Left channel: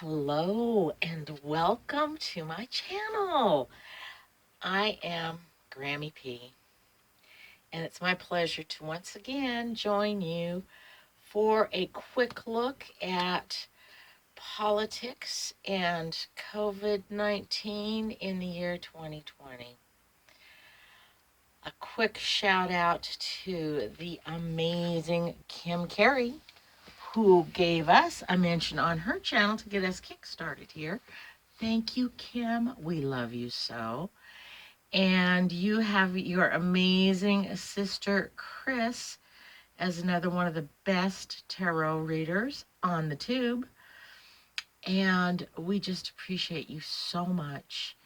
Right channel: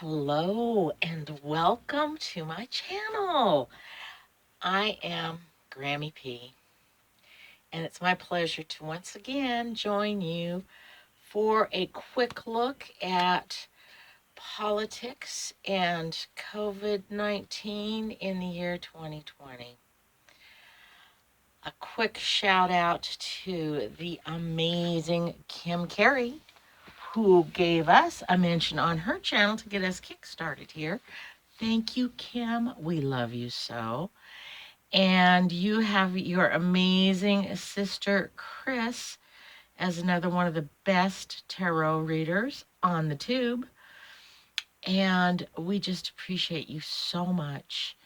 Hello and welcome to my channel. I am Grammy P, and it's my pleasure to once again join you for a quick look at politics and COVID-19 in the year 2020. A quick shout out to the amazing Kim Carey, who gave us a mention on her channel to get us kick-started here. Thank you, Kim. We love you so. And you have your amazing sister, Chris, as another one of the best tarot readers on the tube. And we just appreciate you so much.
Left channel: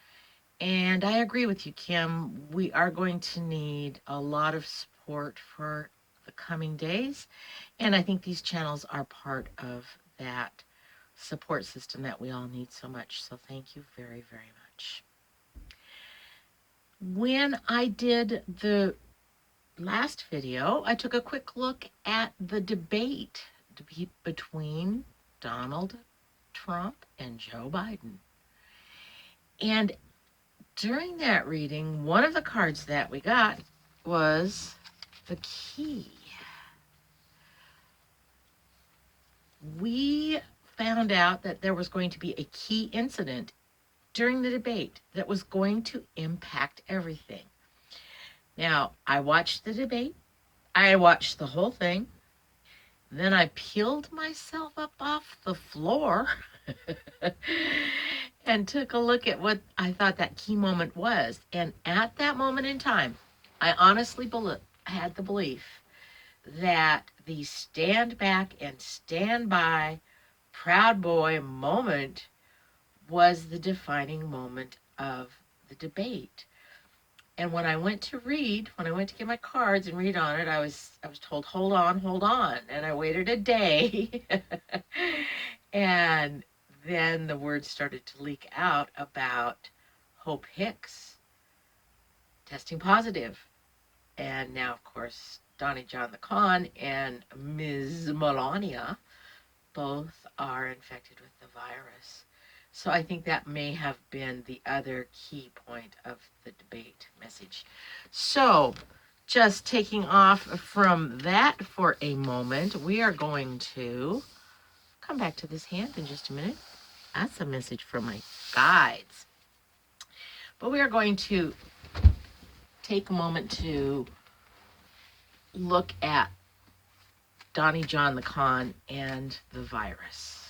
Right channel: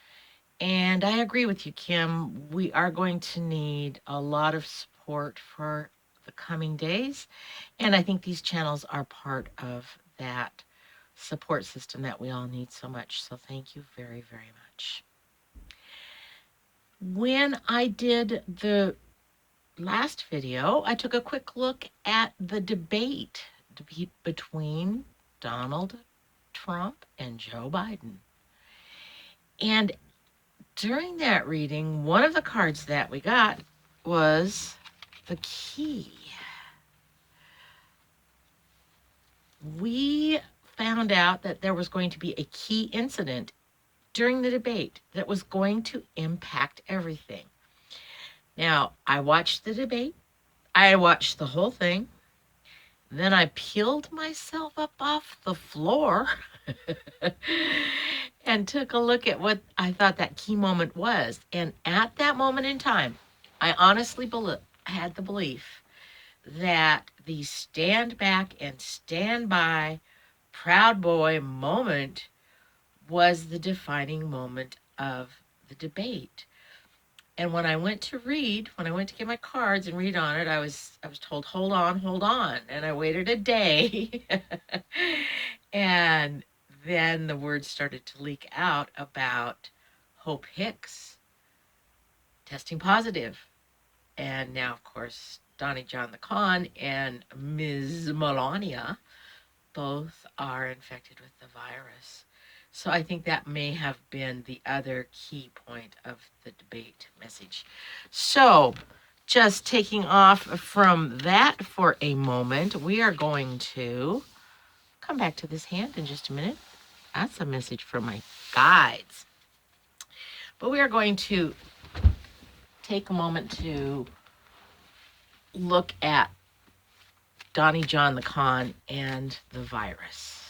And I agree with you, Kim. We are going to need a lot of support for the coming days. And I think these channels are part of that support system that we all need so much. So thank you very, very much. When I did the last video, I took a quick look at the debate between Donald Trump and Joe Biden. And during that reading, one of the cards that we got was the key. We found out that there was going to be a key incident during the debate that was going to impact everything. Now, I watched the debate. I watched the whole thing. Then I peeled myself up off the floor and took a look at what I thought that key moment was. And at that moment in time, I honestly had the belief that the stand back and stand by proud boy moment was the defining moment of the debate. And when I went to get my cards and read on it, I was told, hold on. And I waited a day. And then the words started to leak out about Hope Hicks testing positive. And now, of course, Donnie John the Con and Ms. Melania both are infected with the virus. So I think that may have been the other key point of the debate message. So just taking off from that for a moment, we are going to come back to this hand in just a minute. That's a message from my guides. But we are going to take a moment to look at Donnie John the Con and the virus.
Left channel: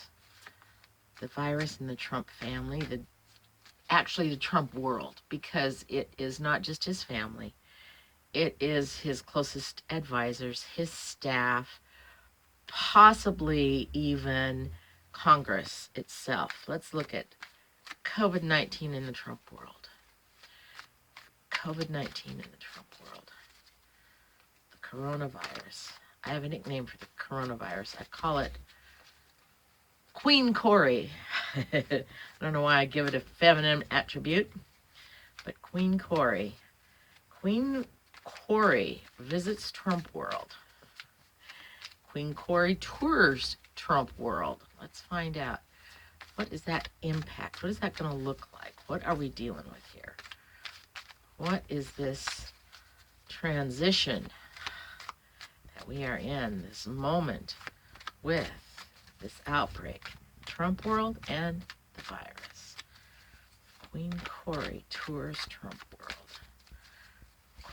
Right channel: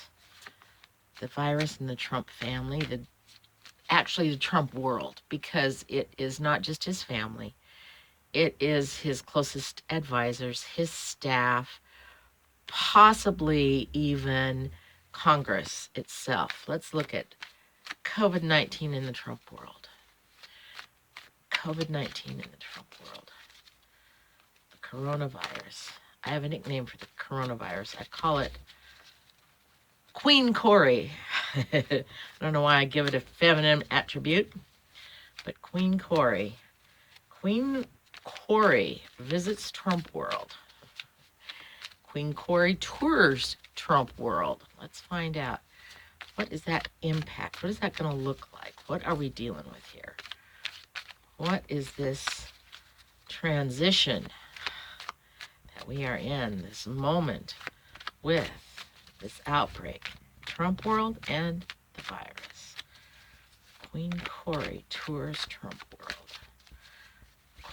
The virus and the Trump family, actually the Trump world, because it is not just his family. It is his closest advisors, his staff, possibly even Congress itself. Let's look at COVID-19 in the Trump world. COVID-19 in the Trump world. The coronavirus. I have a nickname for the coronavirus. I call it Queen Corey. I don't know why I give it a feminine attribute, but Queen Corey. Queen Corey visits Trump world. Queen Corey tours Trump world. Let's find out. What is that impact? What is that going to look like? What are we dealing with here? What is this transition that we are in, this moment with this outbreak? Trump world and the virus. Queen Corey tours Trump world.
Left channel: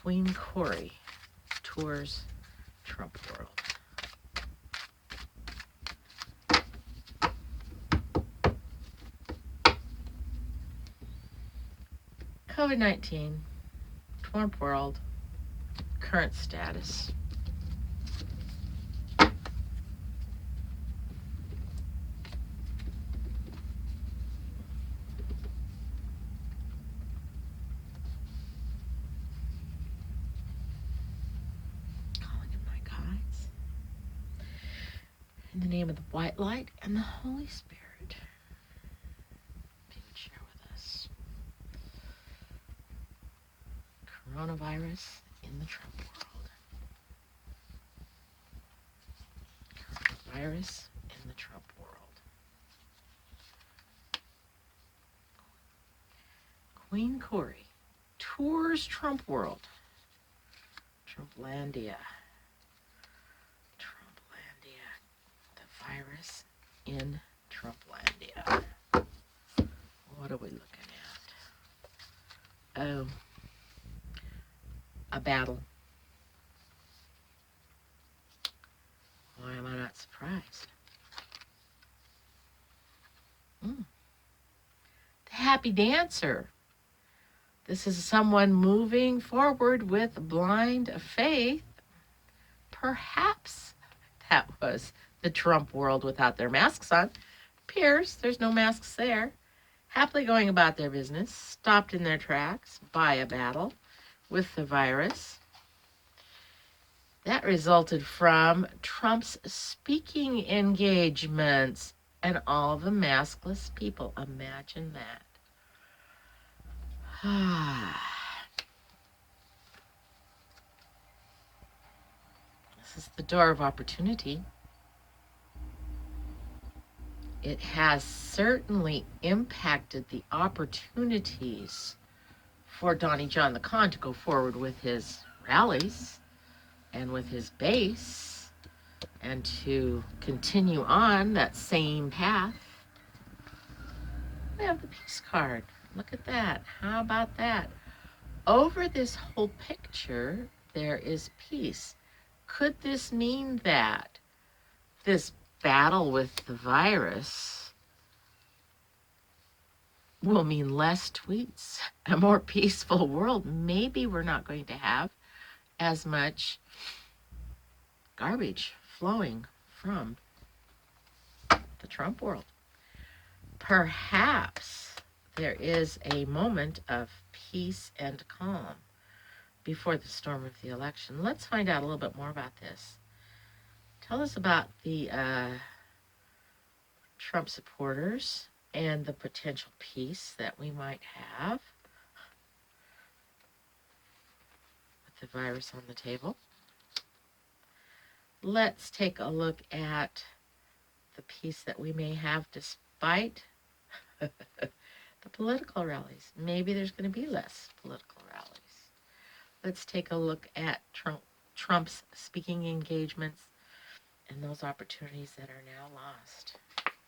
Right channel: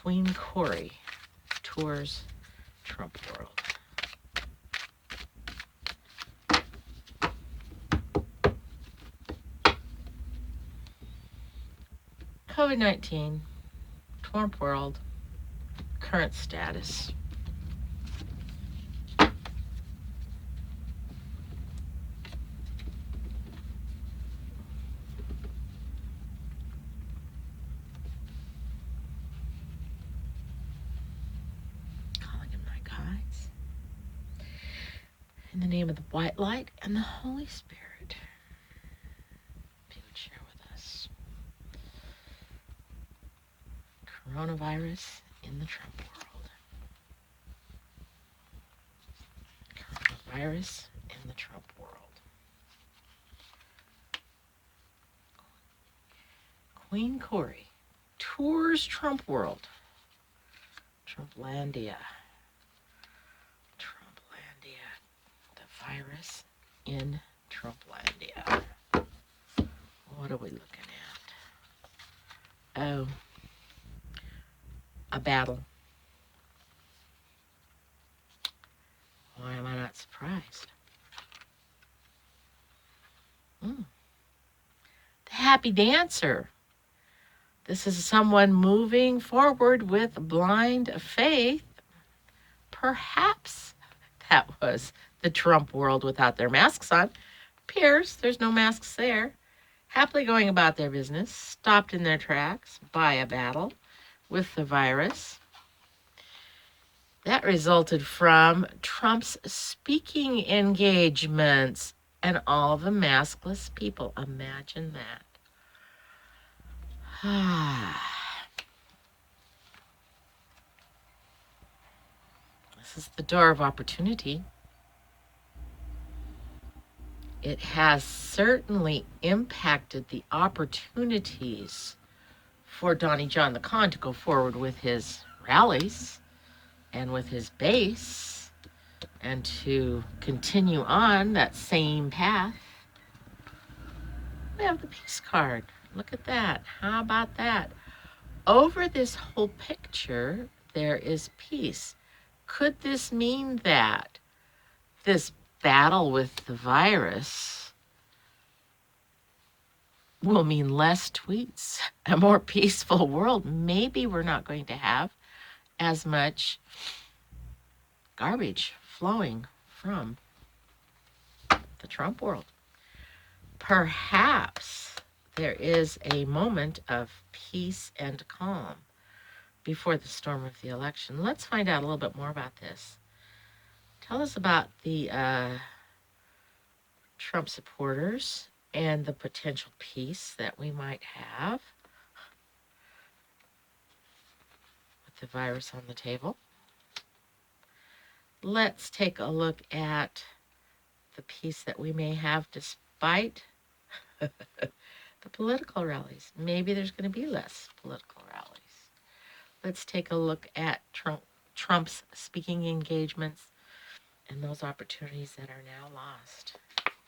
Queen Corey tours Trump world. COVID-19, Trump world, current status. Calling in my guides. In the name of the white light and the Holy Spirit, if you would share with us. Coronavirus in the Trump world. Coronavirus in the Trump world. Queen Corey tours Trump world. Trumplandia. Trumplandia. The virus in Trumplandia. What are we looking at? Oh, a battle. Why am I not surprised? The happy dancer. This is someone moving forward with blind faith. Perhaps that was the Trump world without their masks on. Appears there's no masks there. Happily going about their business, stopped in their tracks by a battle with the virus. That resulted from Trump's speaking engagements and all the maskless people. Imagine that. This is the door of opportunity. It has certainly impacted the opportunities for Donnie John the Con to go forward with his rallies and with his base and to continue on that same path. We have the peace card. Look at that. How about that? Over this whole picture, there is peace. Could this mean that this battle with the virus will mean less tweets, a more peaceful world? Maybe we're not going to have as much garbage flowing from the Trump world. Perhaps there is a moment of peace and calm before the storm of the election. Let's find out a little bit more about this. Tell us about the Trump supporters and the potential peace that we might have with the virus on the table. Let's take a look at the peace that we may have despite the political rallies. Maybe there's going to be less political rallies. Let's take a look at Trump's speaking engagements and those opportunities that are now lost.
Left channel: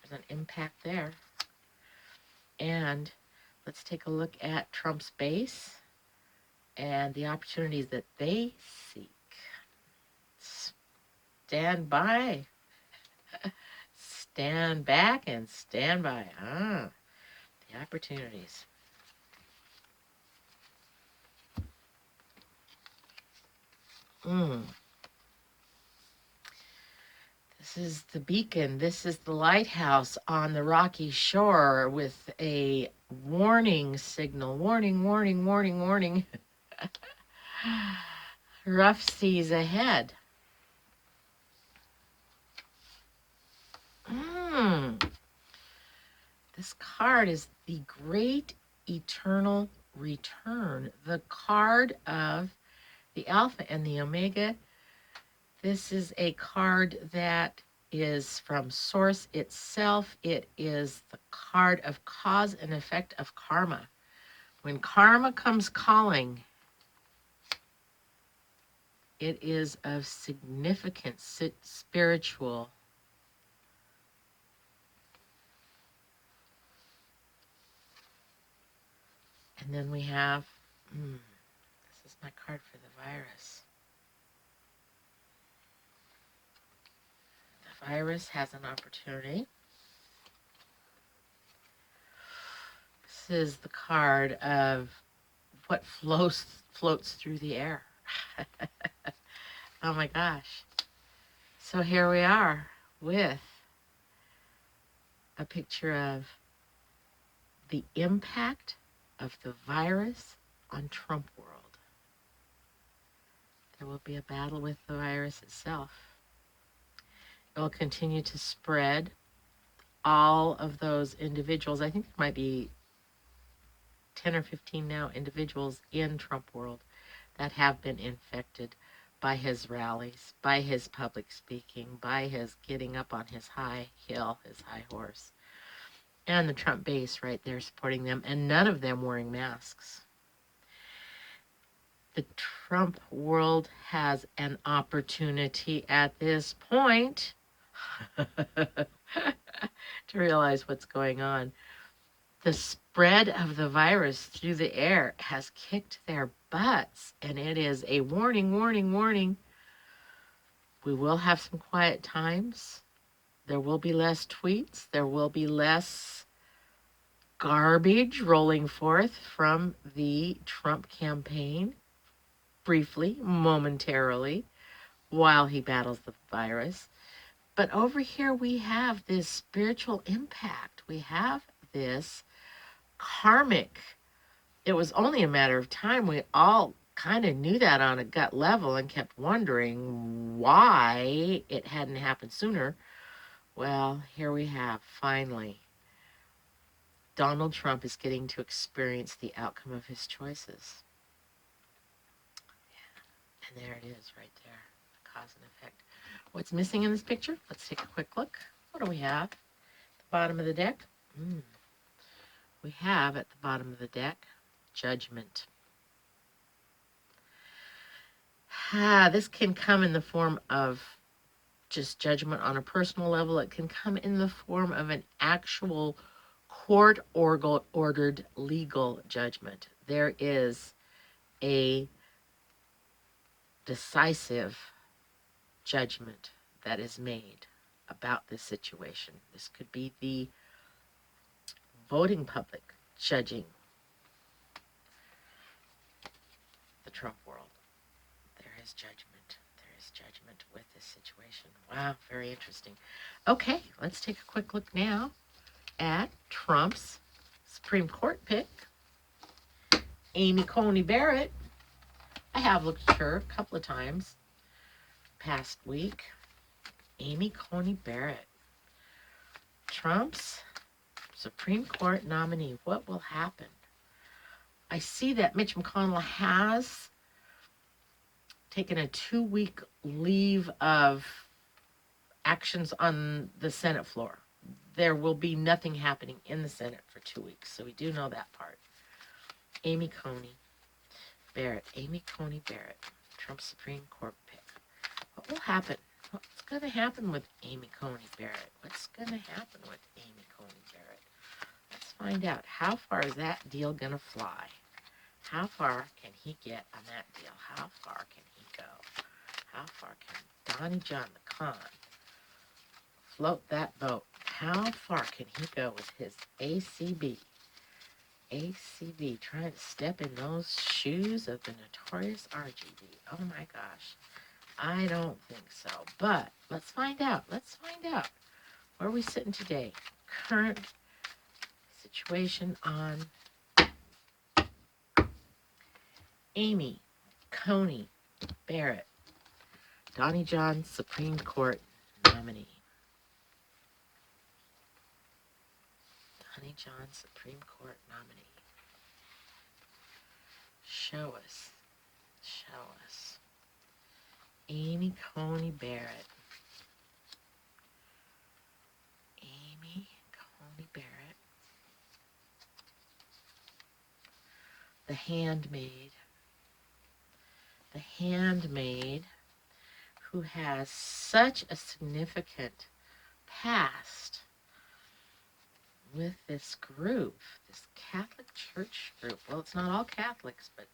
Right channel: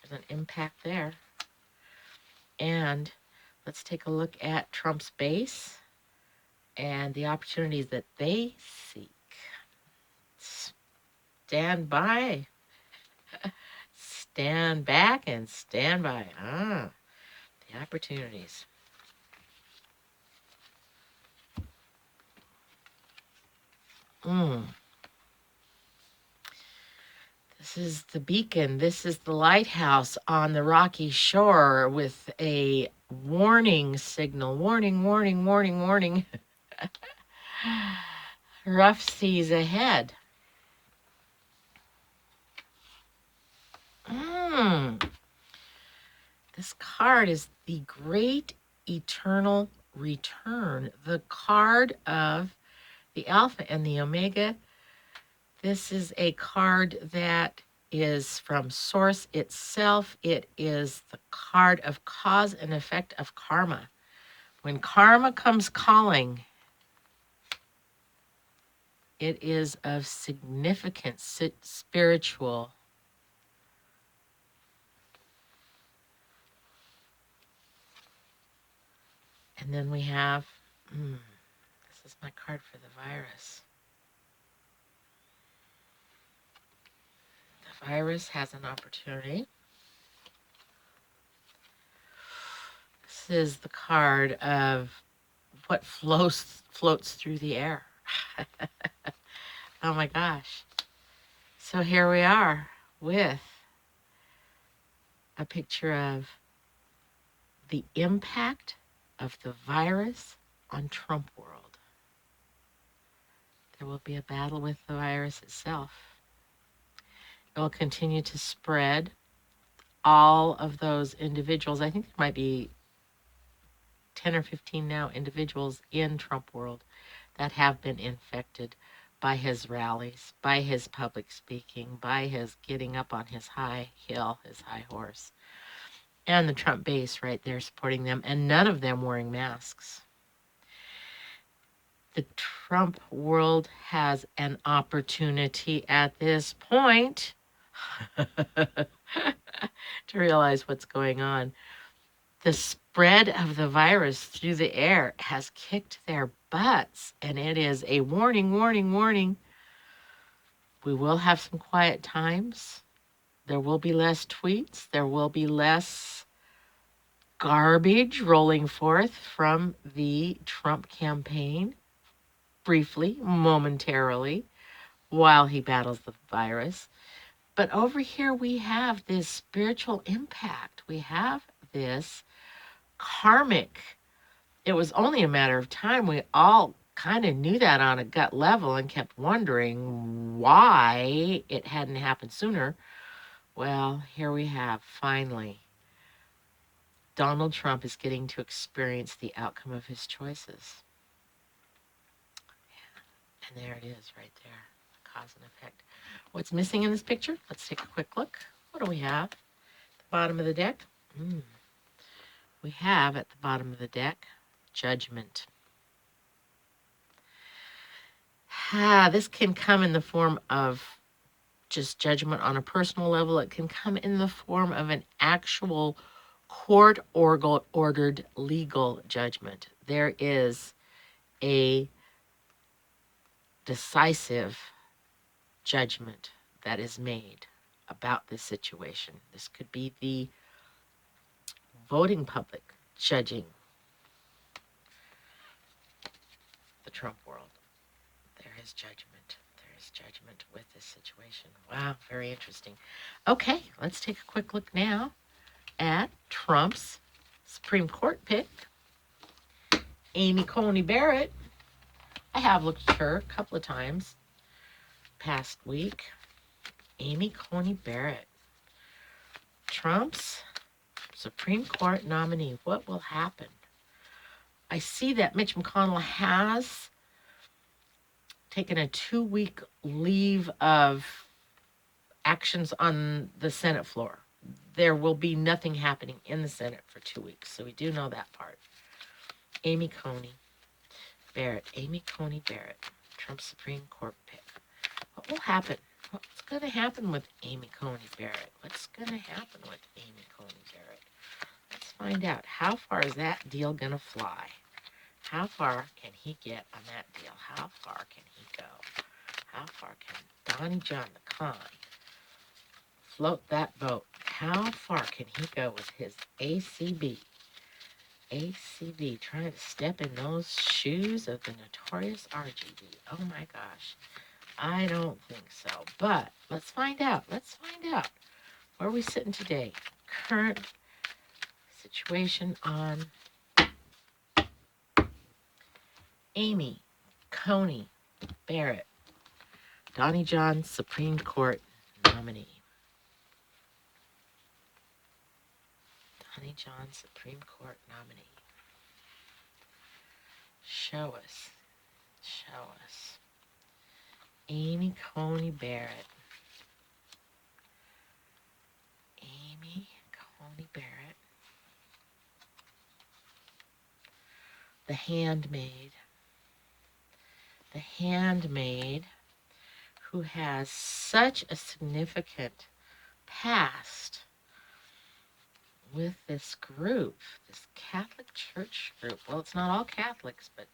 There's an impact there. And let's take a look at Trump's base and the opportunities that they seek. Stand by. Stand back and stand by. The opportunities. This is the beacon. This is the lighthouse on the rocky shore with a warning signal. Warning, warning, warning, warning. Rough seas ahead. This card is the Great Eternal Return, the card of the Alpha and the Omega. This is a card that is from Source itself. It is the card of cause and effect of karma. When karma comes calling, it is of significant spiritual. And then we have, this is my card for the virus. The virus has an opportunity. This is the card of what floats through the air. Oh my gosh. So here we are with a picture of the impact of the virus on Trump world. There will be a battle with the virus itself. It will continue to spread. All of those individuals, I think there might be 10 or 15 now individuals in Trump world that have been infected by his rallies, by his public speaking, by his getting up on his high hill, his high horse, and the Trump base right there supporting them, and none of them wearing masks. The Trump world has an opportunity at this point to realize what's going on. The spread of the virus through the air has kicked their butts, and it is a warning, warning, warning. We will have some quiet times. There will be less tweets. There will be less garbage rolling forth from the Trump campaign, briefly, momentarily, while he battles the virus. But over here, we have this spiritual impact. We have this karmic. It was only a matter of time. We all kind of knew that on a gut level and kept wondering why it hadn't happened sooner. Well, here we have, finally. Donald Trump is getting to experience the outcome of his choices. And there it is right there, cause and effect. What's missing in this picture? Let's take a quick look. What do we have? At the bottom of the deck? We have at the bottom of the deck, judgment. This can come in the form of just judgment on a personal level. It can come in the form of an actual court-ordered legal judgment. There is a decisive judgment that is made about this situation. This could be the voting public judging the Trump world. There is judgment. There is judgment with this situation. Wow, very interesting. Okay, let's take a quick look now at Trump's Supreme Court pick, Amy Coney Barrett. I have looked at her a couple of times past week. Amy Coney Barrett, Trump's Supreme Court nominee. What will happen? I see that Mitch McConnell has taken a 2-week leave of actions on the Senate floor. There will be nothing happening in the Senate for 2 weeks, so we do know that part. Amy Coney Barrett, Amy Coney Barrett, Trump's Supreme Court pick. What will happen? What's going to happen with Amy Coney Barrett? What's going to happen with Amy Coney Barrett? Let's find out. How far is that deal going to fly? How far can he get on that deal? How far can he go? How far can Donnie John the Con float that boat? How far can he go with his ACB? ACB, trying to step in those shoes of the notorious RGB. Oh my gosh. I don't think so. But let's find out. Let's find out. Where are we sitting today? Current situation on Amy Coney Barrett, Donnie John Supreme Court nominee. Donnie John Supreme Court nominee. Show us. Show us. Amy Coney Barrett. Amy Coney Barrett. The Handmaid. The Handmaid, who has such a significant past with this group, this Catholic Church group. Well, it's not all Catholics, but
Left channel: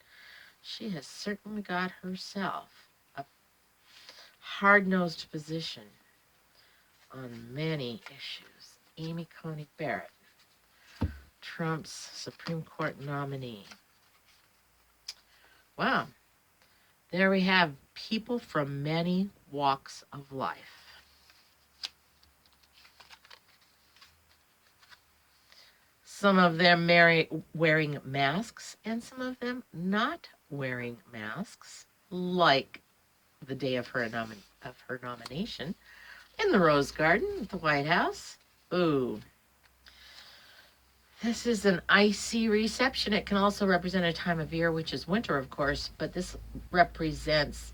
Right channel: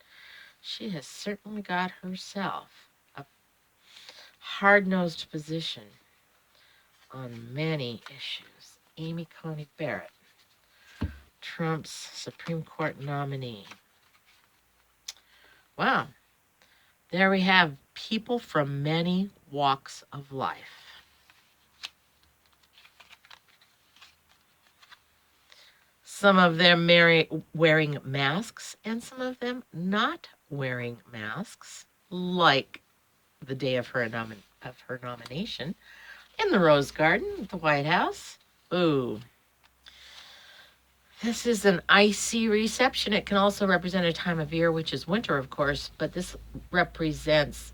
she has certainly got herself a hard-nosed position on many issues. Amy Coney Barrett, Trump's Supreme Court nominee. Wow. There we have people from many walks of life. Some of them wearing masks and some of them not wearing masks, like the day of her nomination in the Rose Garden at the White House. Ooh. This is an icy reception. It can also represent a time of year, which is winter, of course, but this represents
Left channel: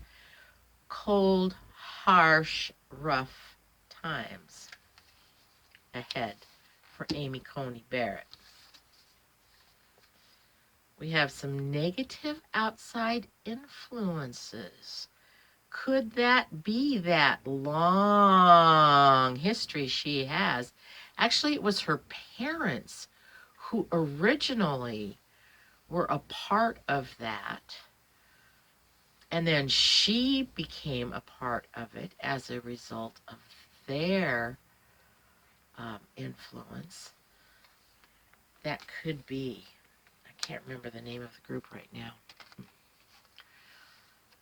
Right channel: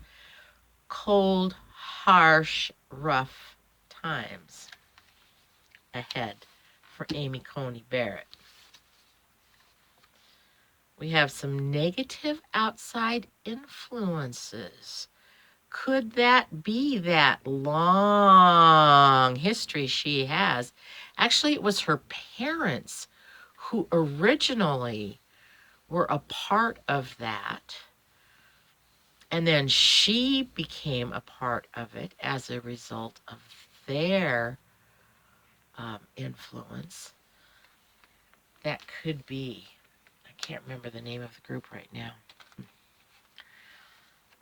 cold, harsh, rough times ahead for Amy Coney Barrett. We have some negative outside influences. Could that be that long history she has? Actually, it was her parents who originally were a part of that. And then she became a part of it as a result of their influence. That could be. I can't remember the name of the group right now.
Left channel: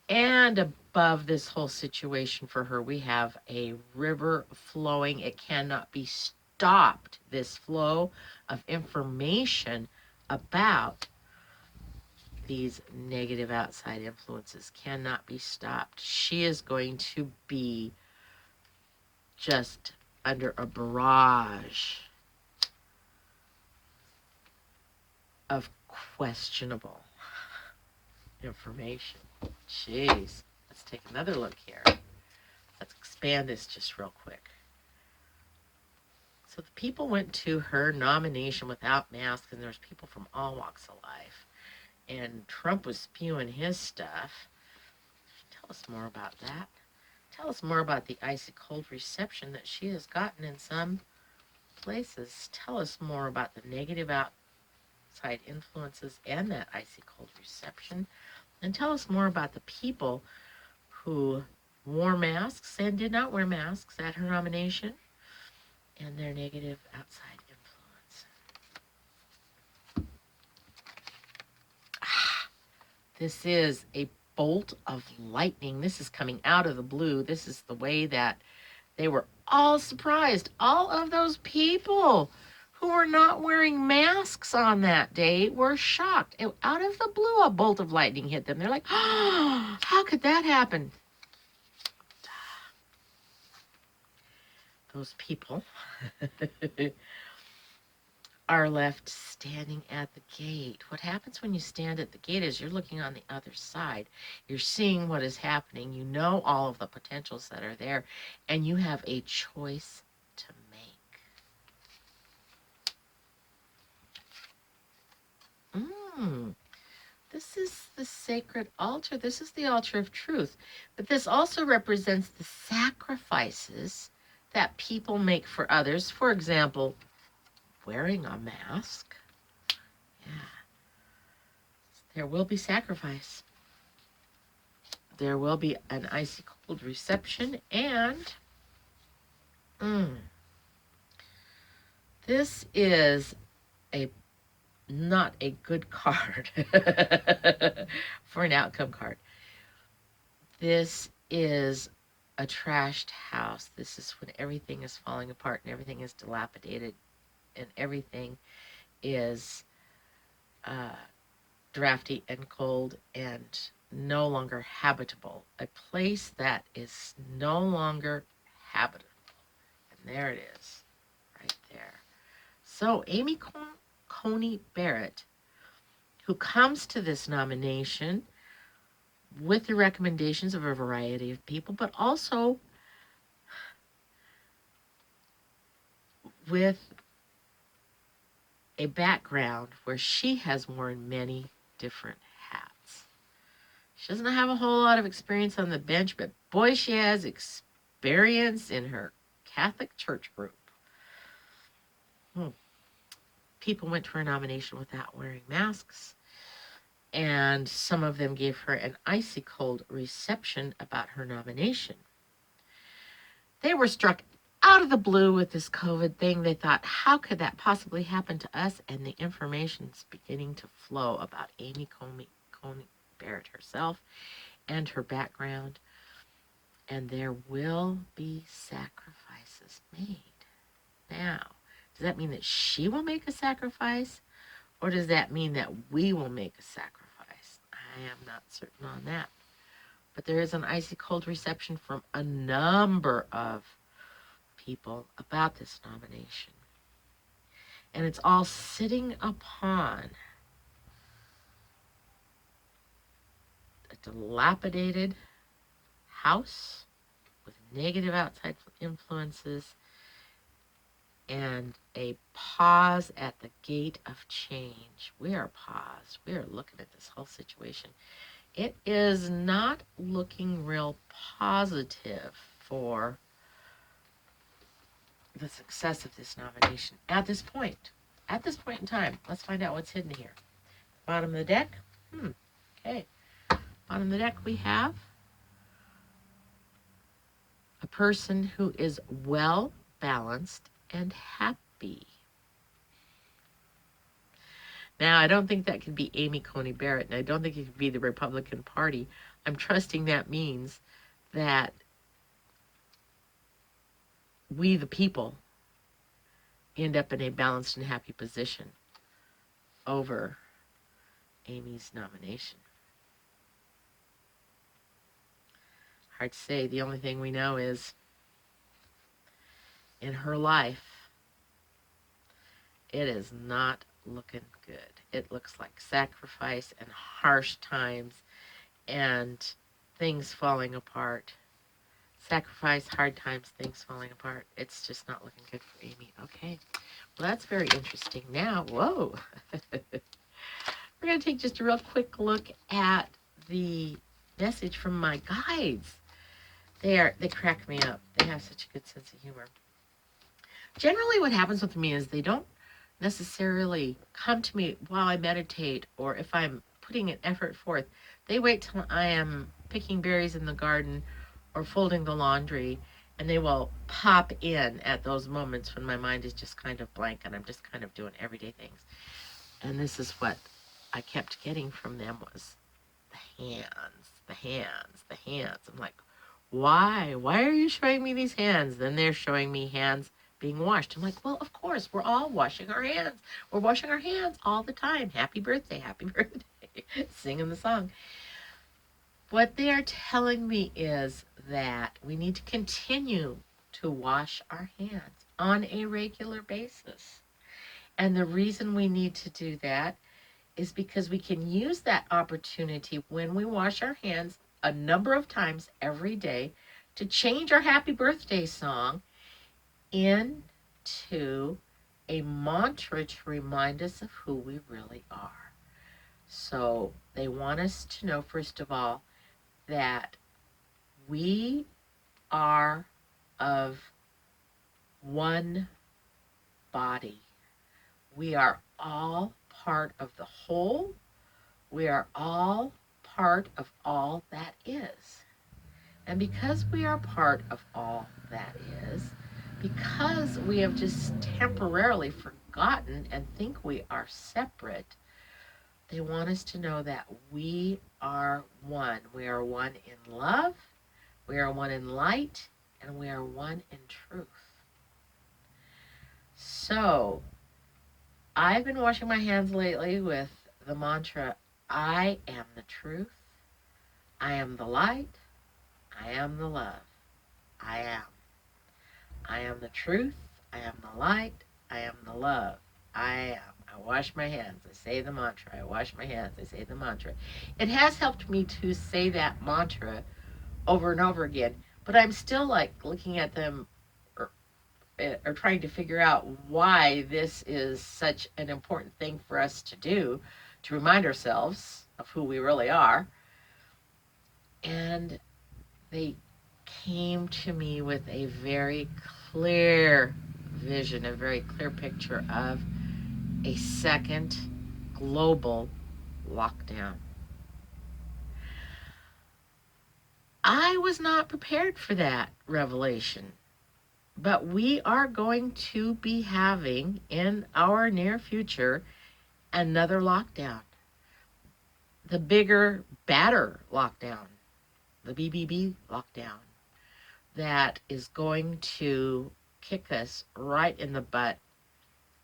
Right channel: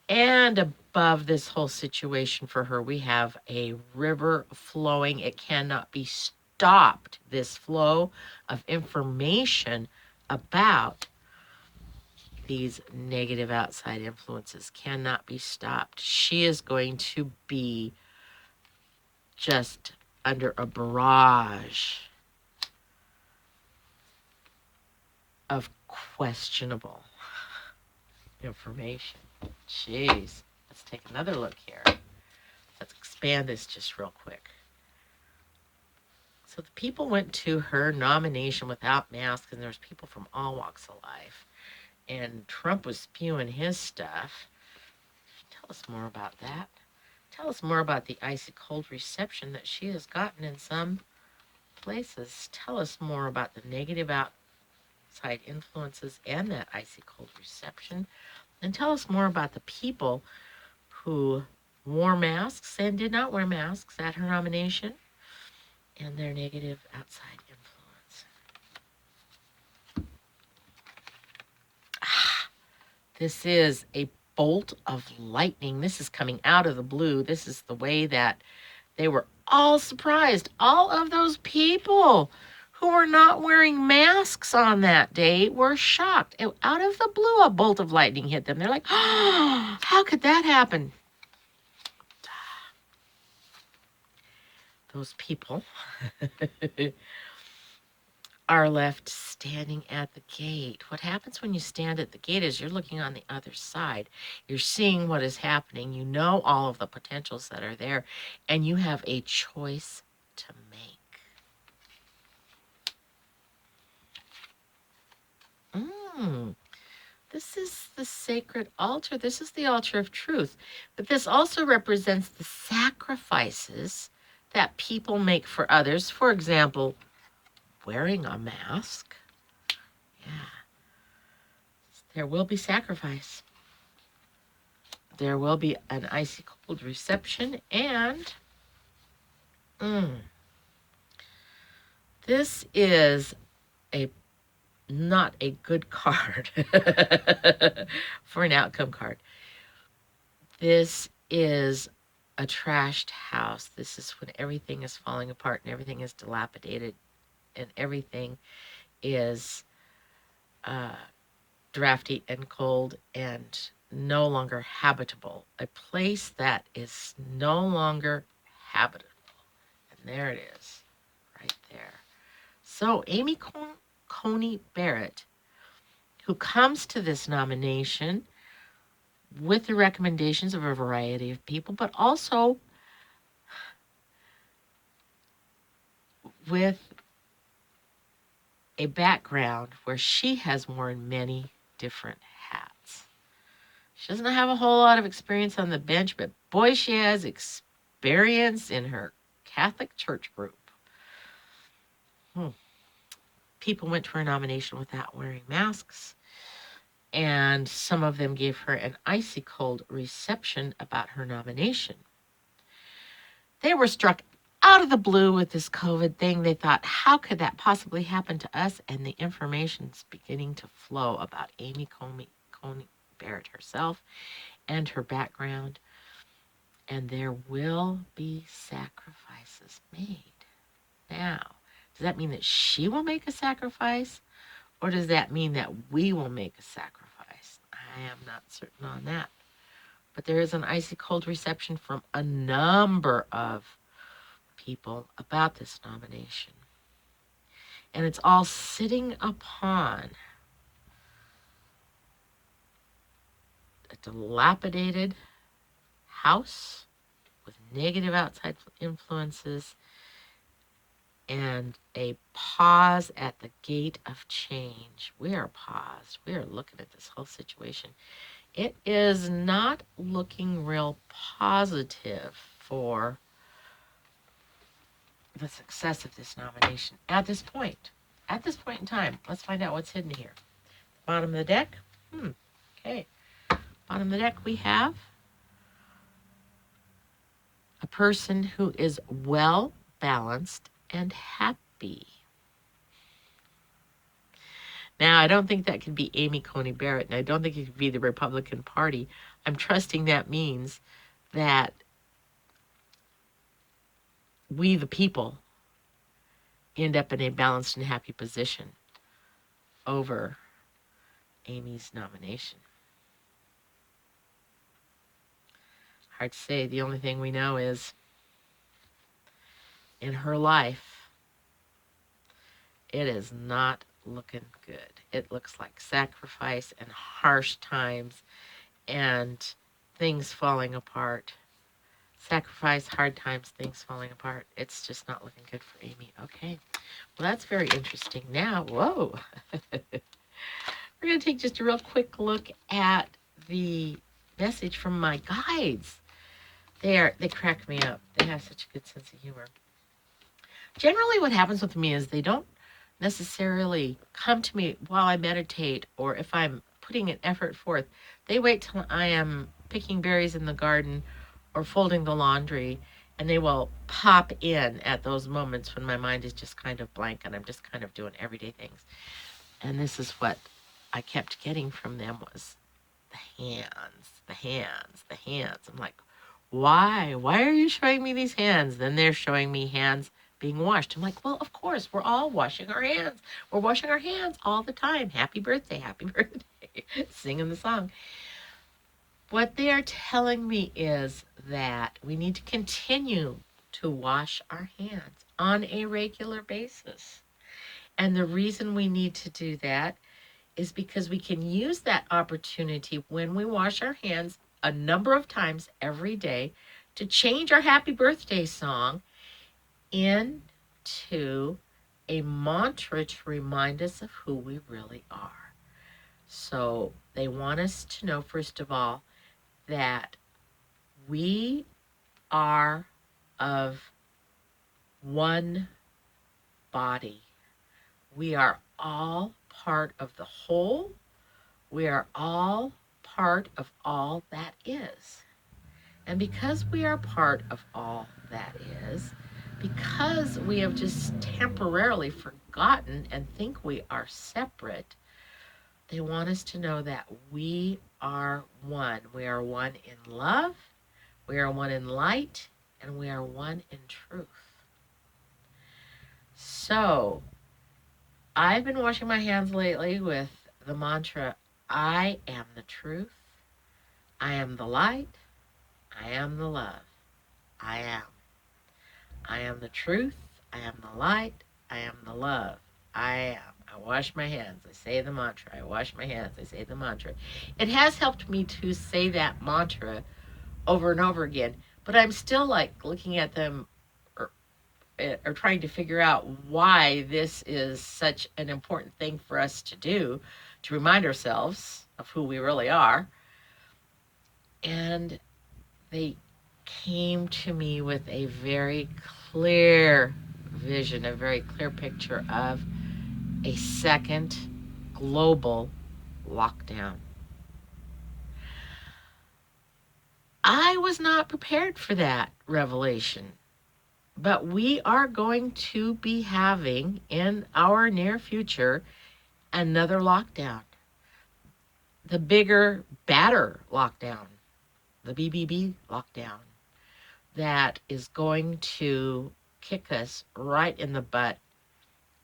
And above this whole situation for her, we have a river flowing. It cannot be stopped. This flow of information about these negative outside influences cannot be stopped. She is going to be just under a barrage of questionable information. Jeez. Let's take another look here. Let's expand this just real quick. So the people went to her nomination without masks, and there's people from all walks of life. And Trump was spewing his stuff. Tell us more about that. Tell us more about the icy cold reception that she has gotten in some places. Tell us more about the negative outside influences and that icy cold reception. And tell us more about the people who wore masks and did not wear masks at her nomination and their negative outside influence. This is a bolt of lightning. This is coming out of the blue. This is the way that they were all surprised. All of those people who were not wearing masks on that day were shocked. Out of the blue, a bolt of lightning hit them. They're like, oh, how could that happen? Those people are left standing at the gate. What happens when you stand at the gate is you're looking on the other side. You're seeing what is happening. You know all of the potentials that are there, and you have a choice to make. This is the sacred altar. This is the altar of truth. But this also represents the sacrifices that people make for others. For example, wearing a mask. Yeah. There will be sacrifice. There will be an icy cold reception, and this is not a good card for an outcome card. This is a trashed house. This is when everything is falling apart and everything is dilapidated and everything is drafty and cold and no longer habitable. A place that is no longer habitable. And there it is, right there. So Amy Coney Barrett, who comes to this nomination with the recommendations of a variety of people, but also with a background where she has worn many different hats. She doesn't have a whole lot of experience on the bench, but boy, she has experience in her Catholic church group. People went to her nomination without wearing masks, and some of them gave her an icy cold reception about her nomination. They were struck out of the blue with this COVID thing. They thought, how could that possibly happen to us? And the information's beginning to flow about Amy Coney Barrett herself and her background. And there will be sacrifices made. Now, does that mean that she will make a sacrifice? Or does that mean that we will make a sacrifice? I am not certain on that. But there is an icy cold reception from a number of people about this nomination. And it's all sitting upon a dilapidated house with negative outside influences and a pause at the gate of change. We are paused. We are looking at this whole situation. It is not looking real positive for the success of this nomination at this point. At this point in time, let's find out what's hidden here. Bottom of the deck. Okay. Bottom of the deck, we have a person who is well balanced and happy. Now, I don't think that could be Amy Coney Barrett, and I don't think it could be the Republican Party. I'm trusting that means that we, the people, end up in a balanced and happy position over Amy's nomination. Hard to say. The only thing we know is in her life, it is not looking good. It looks like sacrifice and harsh times and things falling apart. Sacrifice, hard times, things falling apart. It's just not looking good for Amy. Okay. Well, that's very interesting. Now, whoa. We're going to take just a real quick look at the message from my guides. They crack me up. They have such a good sense of humor. Generally, what happens with me is they don't necessarily come to me while I meditate or if I'm putting an effort forth. They wait till I am picking berries in the garden or folding the laundry, and they will pop in at those moments when my mind is just kind of blank and I'm just kind of doing everyday things. And this is what I kept getting from them was the hands, the hands, the hands. I'm like, why? Why are you showing me these hands? Then they're showing me hands being washed. I'm like, well, of course, we're all washing our hands. We're washing our hands all the time. Happy birthday, happy birthday. Singing the song. What they are telling me is that we need to continue to wash our hands on a regular basis. And the reason we need to do that is because we can use that opportunity when we wash our hands a number of times every day to change our happy birthday song into a mantra to remind us of who we really are. So they want us to know, first of all, that we are of one body. We are all part of the whole. We are all part of all that is. And because we are part of all that is, because we have just temporarily forgotten and think we are separate, they want us to know that we are one. We are one in love, we are one in light, and we are one in truth. So, I've been washing my hands lately with the mantra, I am the truth, I am the light, I am the love, I am. I am the truth, I am the light, I am the love, I am. I wash my hands, I say the mantra, I wash my hands, I say the mantra. It has helped me to say that mantra over and over again, but I'm still like looking at them or trying to figure out why this is such an important thing for us to do to remind ourselves of who we really are. And they came to me with a very clear vision, a very clear picture of a second global lockdown. I was not prepared for that revelation, but we are going to be having in our near future another lockdown. The bigger, badder lockdown, the BBB lockdown, that is going to kick us right in the butt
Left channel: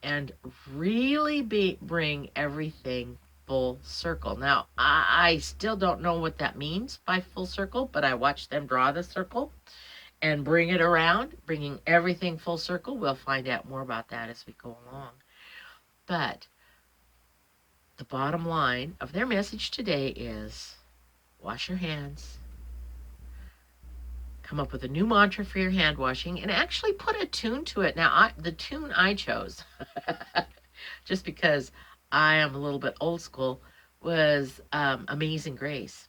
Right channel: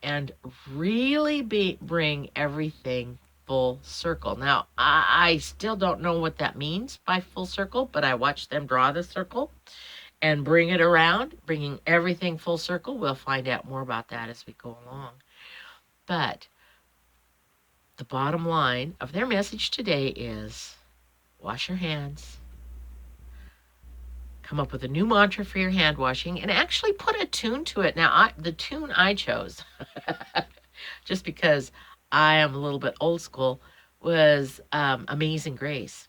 and really bring everything full circle. Now, I still don't know what that means by full circle, but I watched them draw the circle and bring it around, bringing everything full circle. We'll find out more about that as we go along. But the bottom line of their message today is wash your hands, come up with a new mantra for your hand washing and actually put a tune to it. Now, the tune I chose, just because I am a little bit old school, was Amazing Grace.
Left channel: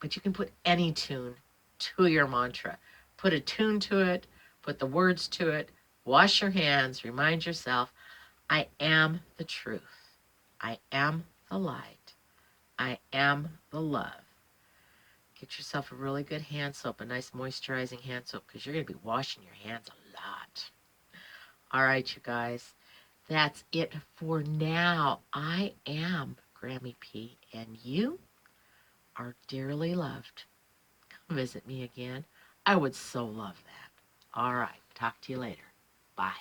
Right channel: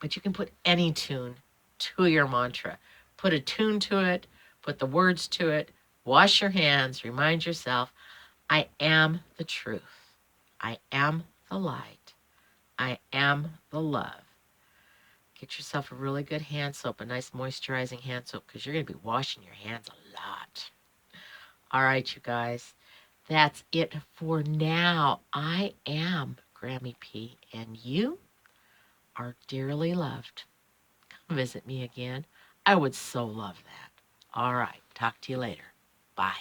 But you can put any tune to your mantra. Put a tune to it, put the words to it, wash your hands, remind yourself, I am the truth. I am the light. I am the love. Get yourself a really good hand soap, a nice moisturizing hand soap, because you're going to be washing your hands a lot. All right, you guys, that's it for now. I am Grammy P, and you are dearly loved. Come visit me again. I would so love that. All right, talk to you later. Bye.